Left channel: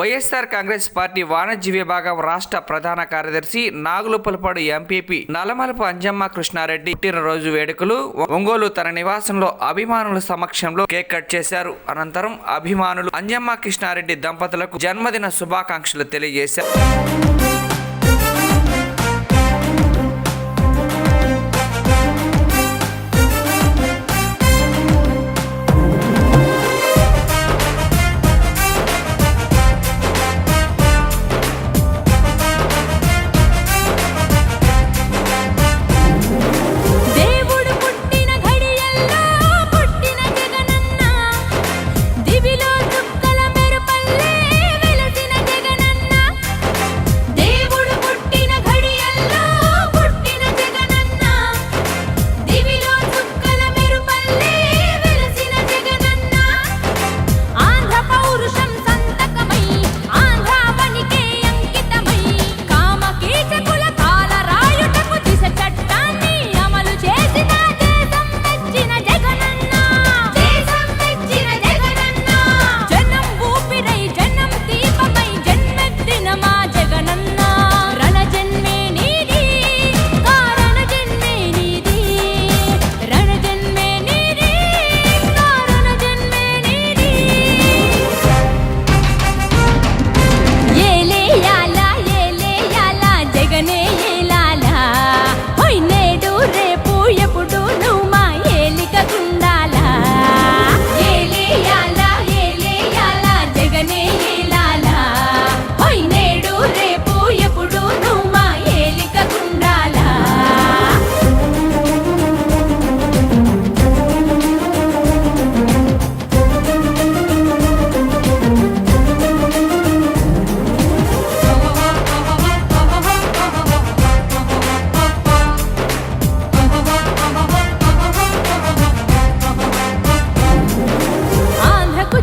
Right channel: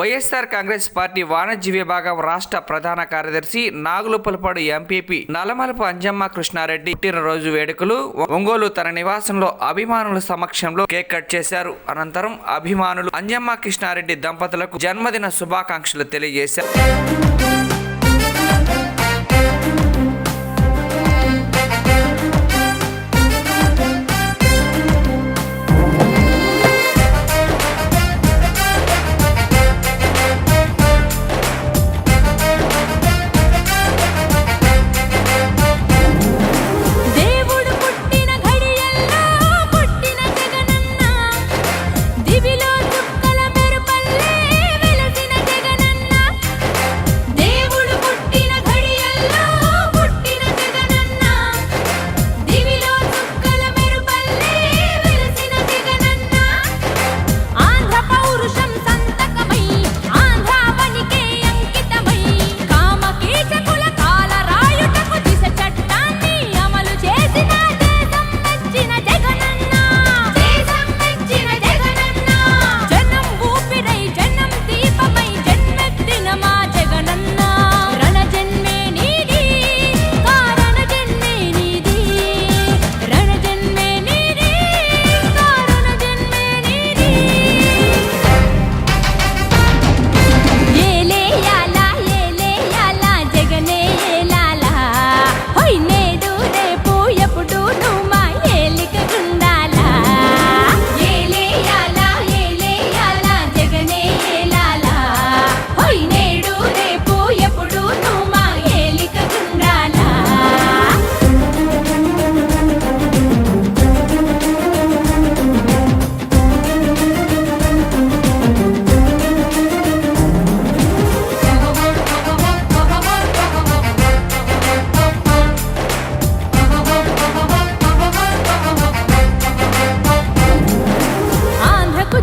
YSR Congress party వాణిజ్య విభాగం రాష్ట్ర ప్రధాన కార్యదర్శి నాగులుపులపాడు ఎంపీపీ నల్లమలపు అంజమ్మ కృష్ణారెడ్డి పుట్టినరోజు వేడుకలు ఒంగోలు తన నివాసంలో అభిమానుల సమక్షంలో కేక్ కట్ చేశారు. అనంతరం అభిమానులు అంజమ్మ కృష్ణారెడ్డి దంపతులకు జన్మదిన శుభాకాంక్షలు తెలియజేశారు.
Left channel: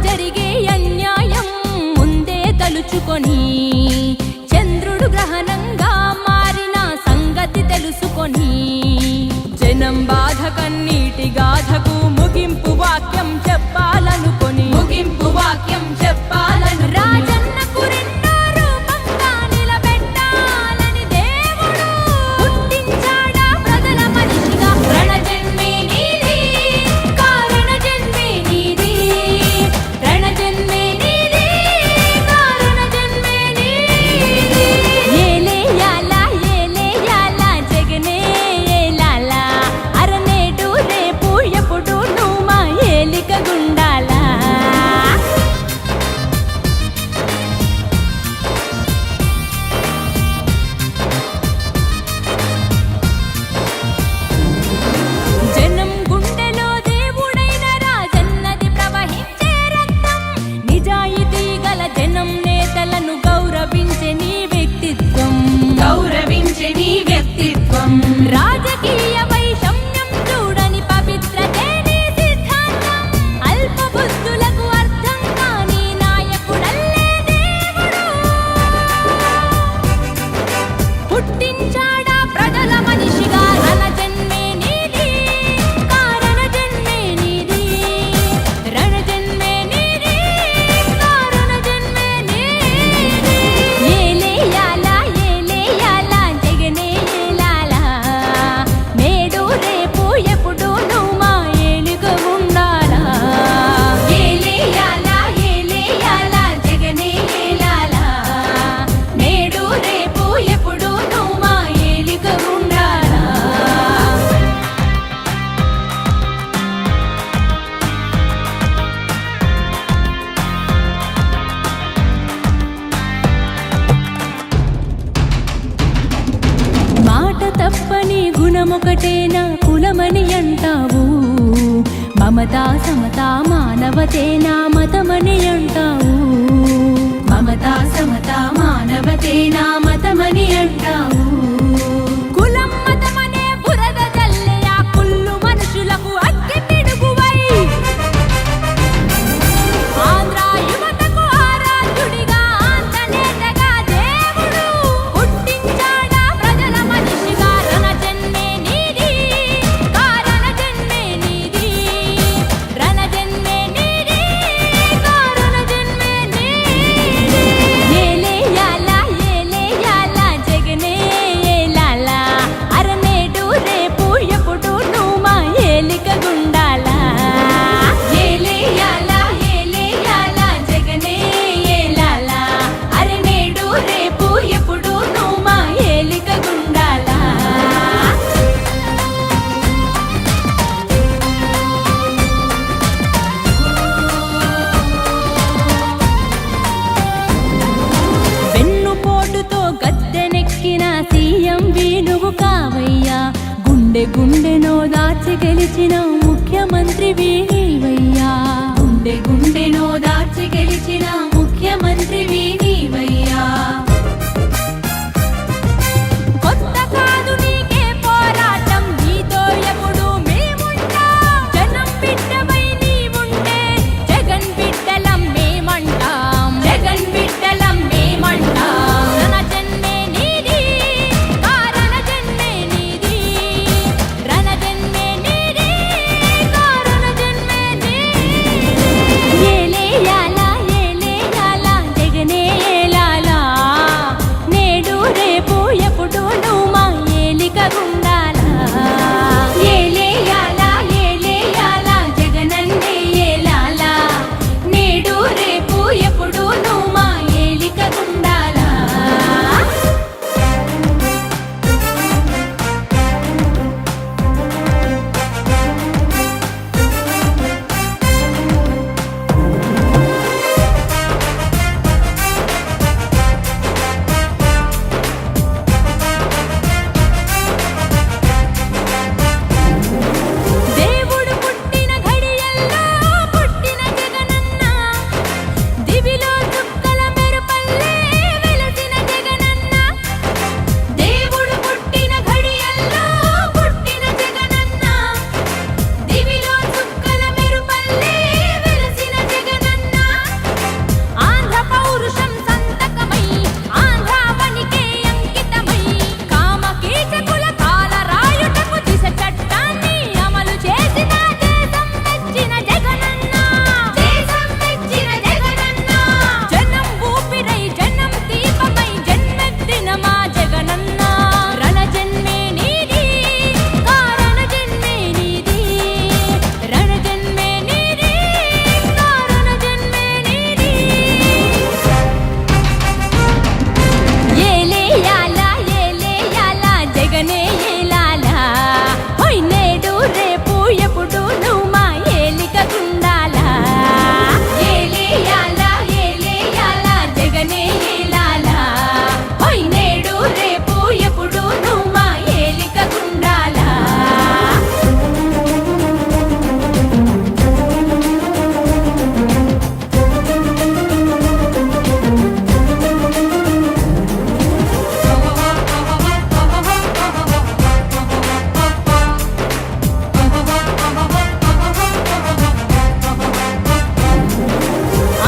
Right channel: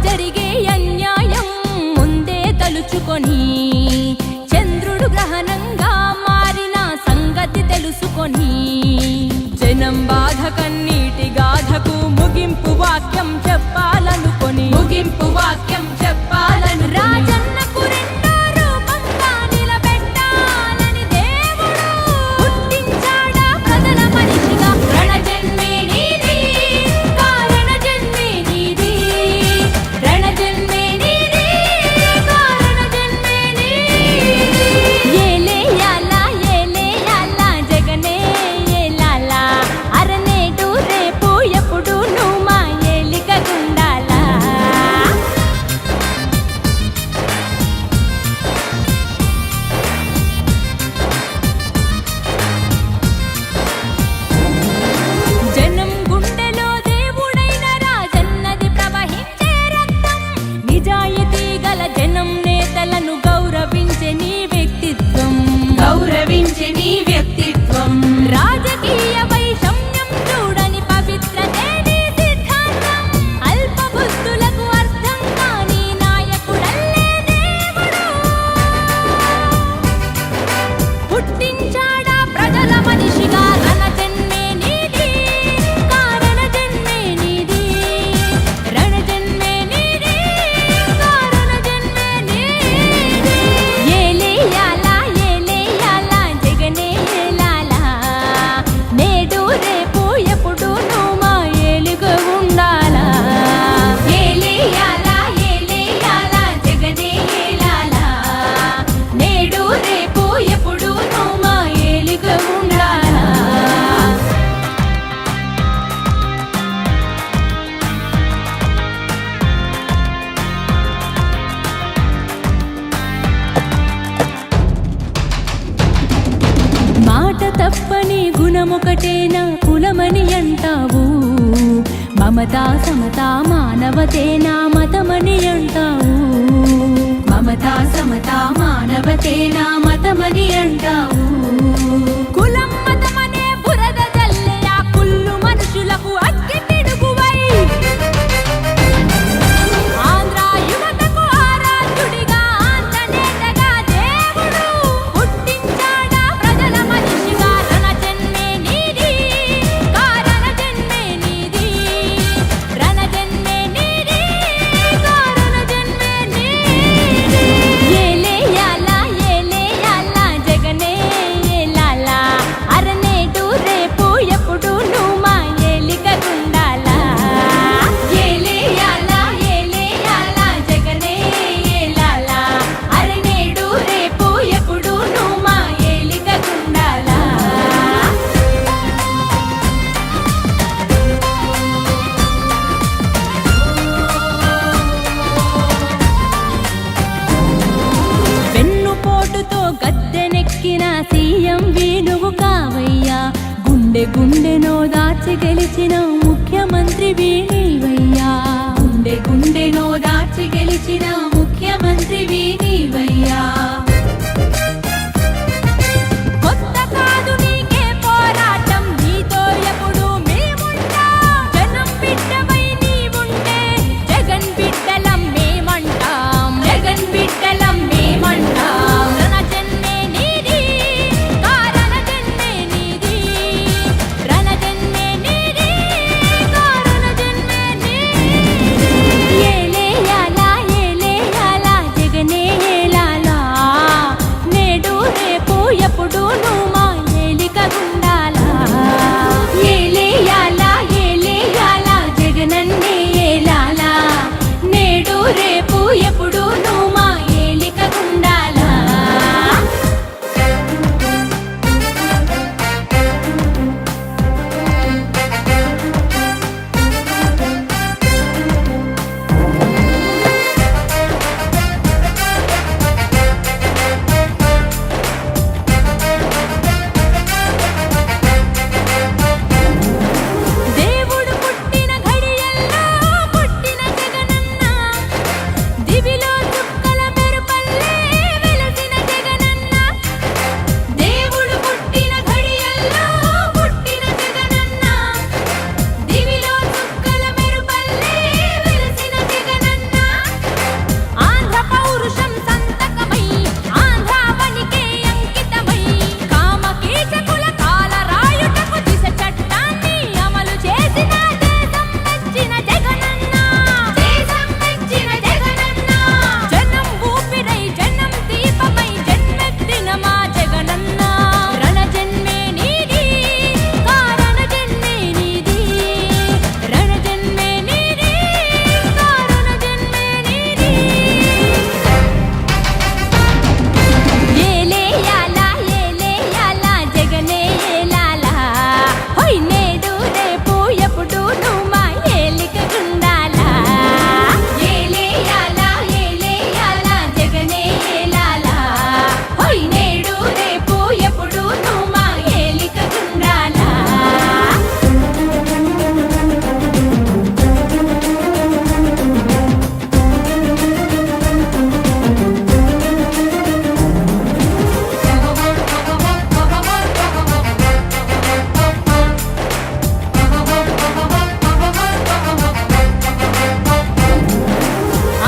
జరిగే అన్యాయం ముందే తలుచుకొని చంద్రుడు గ్రహణంగా మారిన సంగతి తెలుసుకొని జనం బాధ కన్నీటి గాథకు ముగింపు వాక్యం చెప్పాలనుకొని రాజన్నకు రెండో రూపంగా నిలబెట్టాలని దేవుడు పుట్టించాడా ప్రజల మనిషిగా. రణజన్మే నీది కారణ జన్మే నీది, రణజన్మే నీది కారణ జన్మే నీది. ఏలే యాలా జగనే ఏలాలా, అరనేటు రేపు ఎప్పుడు నువ్వు మా ఏలిక గుండాలా. జనం గుండెలో దేవుడైన రాజన్నది ప్రవహించే రక్తం, నిజాయితీ గల జనం నేతలను గౌరవించే నీ వ్యక్తిత్వం, రాజకీయ వైషమ్యం చూడని పవిత్రతే నీ సిద్ధాంతం. అల్ప బుద్ధులకు అర్థం కాని నాయకుడల్లే దేవుడు పుట్టించాడా ప్రజల మనిషిగా. రణజన్మే నీది కారణ జన్మే నీది, రణజన్మే నీది కారణ జన్మే నీది. ఏలే యాలా జగనే ఏలాలా, నేడు రేపు ఎప్పుడు నువ్వు మా ఏలుక ఉండాలా. ఏలే యాలా జగనే ఏలాలా, నేడు రేపు ఎప్పుడు నువ్వు మా ఏలుక ఉండాలా. మాట తప్పని గుణమొకటేనా కులమని అంటావు, మమతా సమతా మానవతేనా మతమని అంటావు, మమతా సమతా మానవతేనా మతమని అంటావు. కులం మతమనే బురద జల్లే ఆ కుళ్ళు మనుషులకు అగ్గి పిడుగువై ఆంధ్ర యువతకు ఆరాధ్యుడిగా ఆంతనేతగా దేవుడు పుట్టించాడా ప్రజల మనిషిగా. రణజన్మే నీది కారణ జన్మే నీది, రణజన్మే నీది కారణ జన్మే నీది. పోటుతో గద్దెనెక్కిన సీఎం నువ్వు కావయ్యా. గుండె గుండెనో దాచి గెలిచిన ముఖ్యమంత్రి నీవయ్యా. గుండె గుండెనో దాచి గెలిచిన ముఖ్యమంత్రి నీవయ్యా. కొత్త కాదు నీకే పోరాటం, నీతో ఎప్పుడు మేముంటాం. జనం బిడ్డవై నీవుంటే జగన్ బిడ్డలం మేమంటాం. జగన్ బిడ్డలం మేమంటాం. రణ జన్మే నీది, కారణ జన్మే నీది. రణ జన్మే నీది, కారణ జన్మే నీది. ఏలేయాలా ఏలేయాలా జగనే ఏలాలా. నేడు రేపు ఎప్పుడు నువ్వు మా ఏలికగుండాలా. ఏలేయాలా ఏలేయాలా జగనన్నే ఏలాలా. నేడు రేపు ఎప్పుడు నువ్వు మా ఏలికగుండాలా. దేవుడు పుట్టిన ఘడియల్లో పుట్టిన జగనన్న. దివిలో చుక్కల మెరుపల్లే వెలసిన జగనన్న. దేవుడు పుట్టిన ఘడియల్లో పుట్టిన జగనన్న. దివిలో చుక్కల మెరుపల్లే వెలసిన జగనన్న. ఆంధ్ర పౌరుషం సంతకమై ఆంధ్రావనికే అంకితమై కామకీచకుల కాల రాయుటకు దిశ చట్టాన్ని అమలు చేసిన దేశం మెచ్చిన జగనన్న. దేశం మెచ్చిన జగనన్న. జనం ఊపిరై జనం దీపమై జన్మెత్తిన మా జగనన్న. రణ జన్మే నీది, కారణ జన్మే నీది. రణ జన్మే నీది, కారణ జన్మే నీది. ఏలేయాలా ఏలేయాలా జగనే ఏలాలా. హోయ్ నేడు రేపు ఎప్పుడు నువ్వు మా ఏలికగుండాలా. ఏలేయాలా ఏలేయాలా జగనే ఏలాలా. హోయ్ నేడు రేపు ఎప్పుడు నువ్వు మా ఏలికగుండాలా.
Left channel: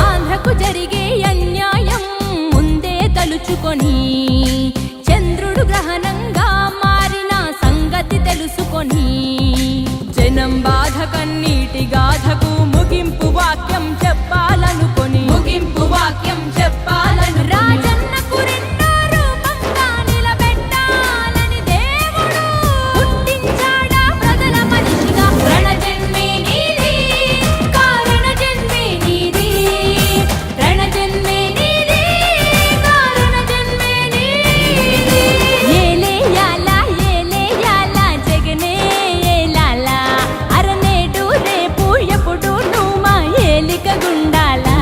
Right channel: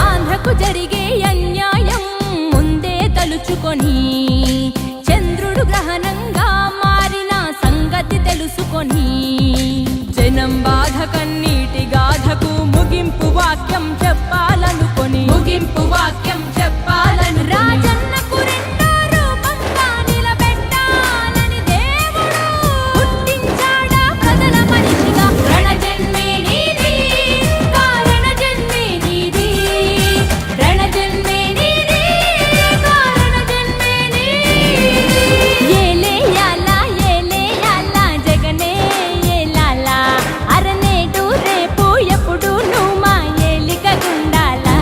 ఆంధ్రకు జరిగే అన్యాయం ముందే తలుచుకొని చంద్రుడు గ్రహణంగా మారిన సంగతి తెలుసుకొని జనం బాధ కన్నీటి గాథకు ముగింపు వాక్యం చెప్పాలనుకొని రాజన్నకు రెండో రూపంగా నిలబెట్టాలని దేవుడు పుట్టించాడా ప్రజల మనిషిగా. రణ జన్మే నీది, కారణ జన్మే నీది. రణ జన్మే నీది, కారణ జన్మే నీది. ఏలేయాలా ఏలేయాలా జగనే ఏలాలా. అరనేటు రేపు ఎప్పుడు నువ్వు మా ఏలికగుండాలా.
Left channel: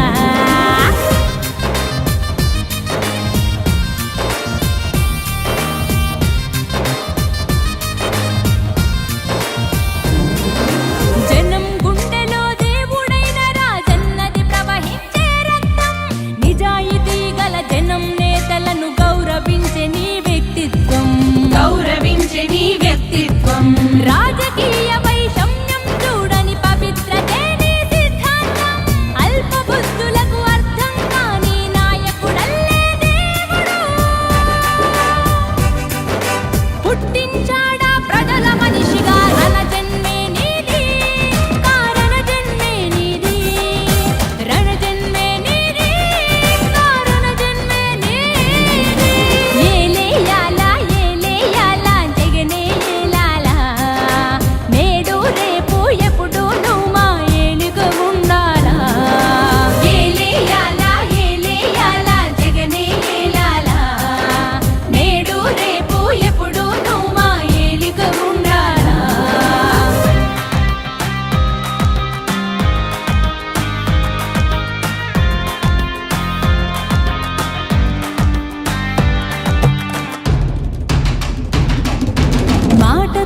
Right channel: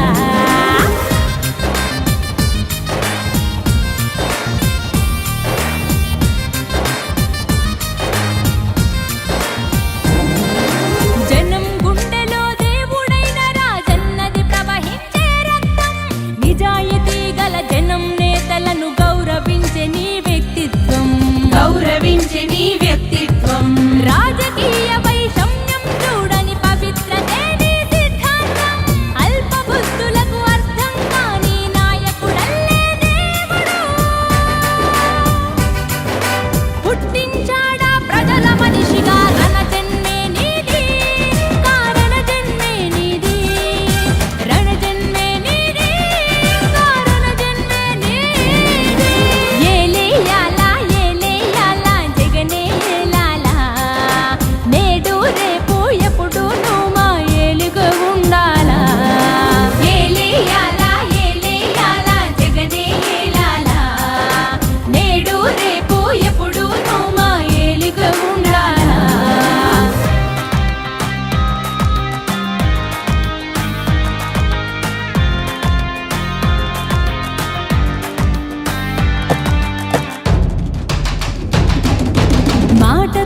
జనం గుండెలో దేవుడైన రాజన్నది ప్రవహించే రక్తం. నిజాయితీ గల జనం నేతలను గౌరవించే నీ వ్యక్తిత్వం. రాజకీయ వైషమ్యం చూడని పవిత్రతే నీ సిద్ధాంతం. అల్ప బుద్ధులకు అర్థం కాని నాయకుడల్లే దేవుడు పుట్టించాడా ప్రజల మనిషిగా. రణ జన్మే నీది, కారణ జన్మే నీది. రణ జన్మే నీది, కారణ జన్మే నీది. ఏలేయాలా ఏలేయాలా జగనే ఏలాలా. నేడు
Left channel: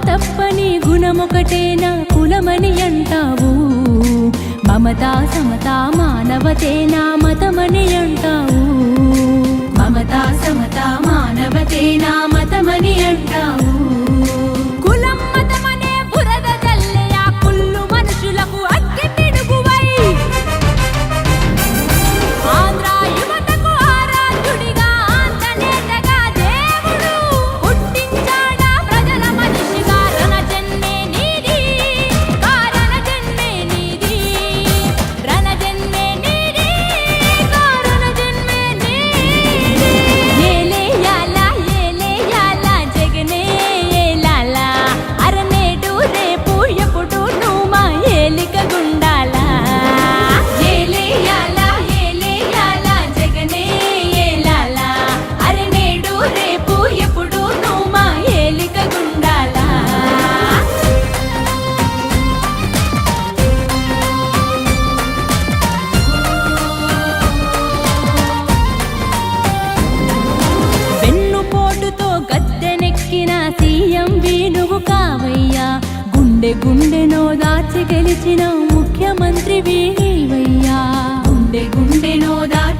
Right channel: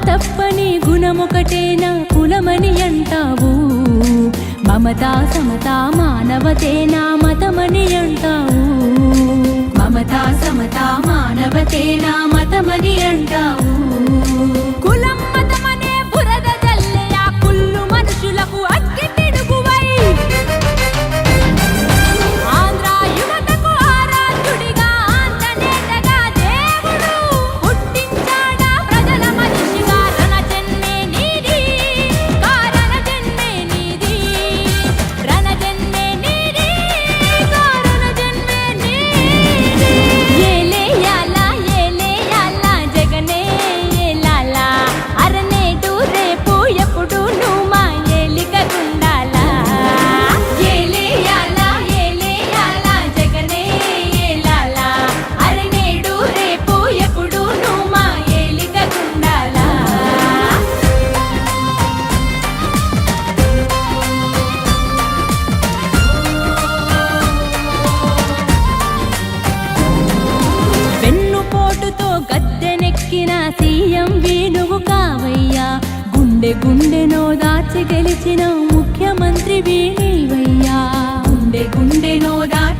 తప్పని గుణమొకటే నా కులమని అంటావు, మమతా సమతా మానవతే నా మతమని అంటావు, మమతా సమతా మానవతే నా మతమని అంటావు. కులం మతమనే బురద జల్లే ఆ కుళ్ళు మనుషులకు అగ్గి పిడుగువై ఆంధ్ర యువతకు ఆరాధ్యుడిగా ఆంతనేటగా దేవుడు పుట్టించాడా ప్రజల మనిషిగా. రణ జన్మే నీది, కారణ జన్మే నీది, రణ జన్మే నీది, కారణ జన్మే నీది. ఏలేయాలా ఏలేయాలా జగనే ఏలాలా, అరనేటు రేపు ఎప్పుడు నువ్వు మా ఏలిక గుండాలా. ఏలేయాలా ఏలేయాలా జగనే ఏలాలా, అరనేడు రేపు ఎప్పుడు నువ్వు మా ఏలిక గుండాలా. వెన్నుపోటుతో గద్దెనెక్కిన సీఎం నువ్వు కావయ్యా, గుండె గుండెనో దాచి గెలిచిన ముఖ్యమంత్రి నీవయ్యా, గుండె గుండెనో దాచి